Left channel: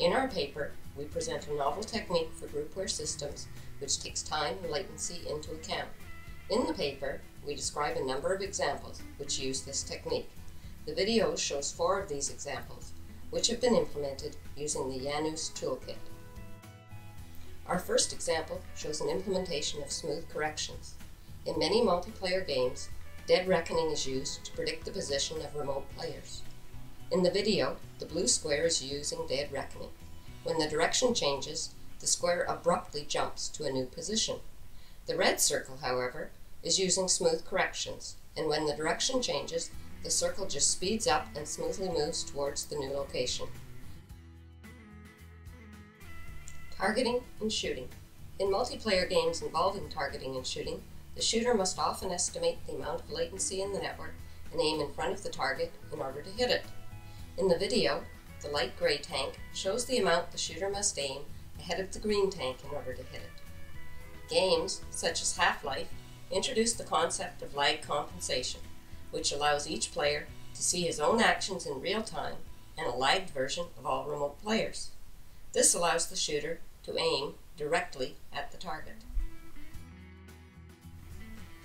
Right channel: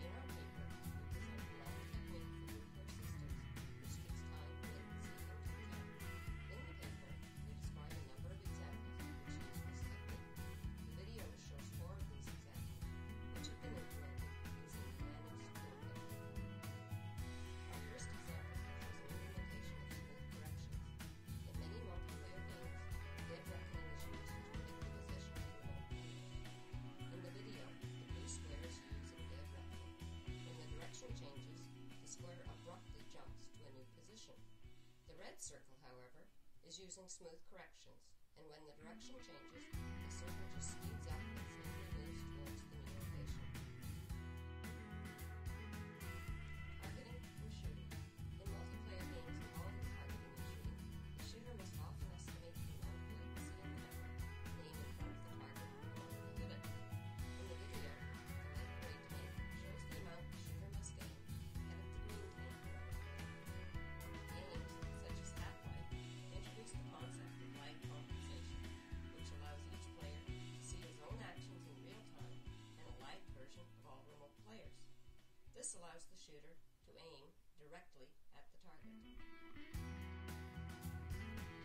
In our paper, we present a novel technique for groupware systems which takes time and latency into account. In the paper, we describe a number of examples which use this technique. The video shows 4 of these examples, which have been implemented using the Janus toolkit. Our first example shows an implementation of smooth corrections. In many multiplayer games, dead reckoning is used to predict the position of remote players. In the video, the blue square is using dead reckoning. When the direction changes, the square abruptly jumps to a new position. The red circle, however, is using smooth corrections, and when the direction changes, the circle just speeds up and smoothly moves towards the new location. Targeting and shooting. In multiplayer games involving targeting and shooting, the shooter must often estimate the amount of latency in the network and aim in front of the target in order to hit it. In the video, the light gray tank shows the amount the shooter must aim ahead of the green tank in order to hit it. Games, such as Half-Life, introduce the concept of lag compensation, which allows each player to see his own actions in real time and a lagged version of all remote players. This allows the shooter to aim directly at the target.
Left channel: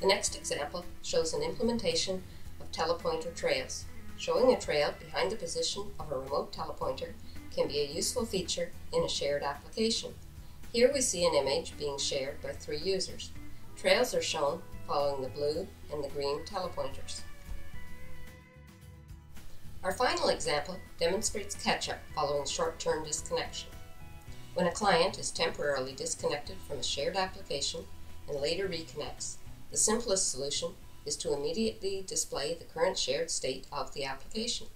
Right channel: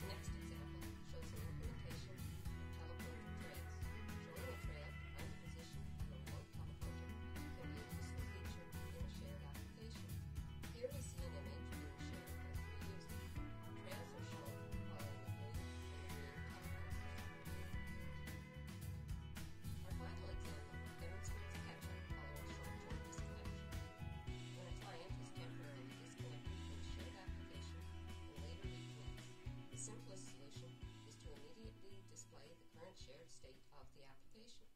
The next example shows an implementation of telepointer trails. Showing a trail behind the position of a remote telepointer can be a useful feature in a shared application. Here we see an image being shared by 3 users. Trails are shown following the blue and the green telepointers. Our final example demonstrates catch-up following short-term disconnection. When a client is temporarily disconnected from a shared application and later reconnects, the simplest solution is to immediately display the current shared state of the application.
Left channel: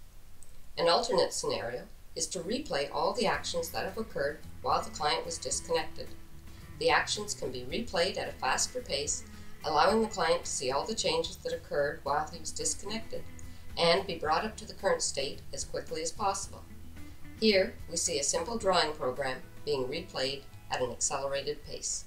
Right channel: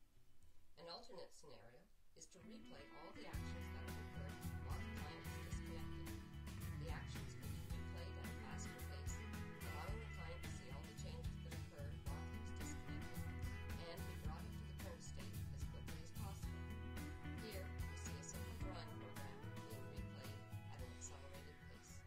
An alternate scenario is to replay all the actions that have occurred while the client was disconnected. The actions can be replayed at a faster pace, allowing the client to see all the changes that occurred while he was disconnected, and be brought up to the current state as quickly as possible. Here, we see a simple drawing program being replayed at an accelerated pace.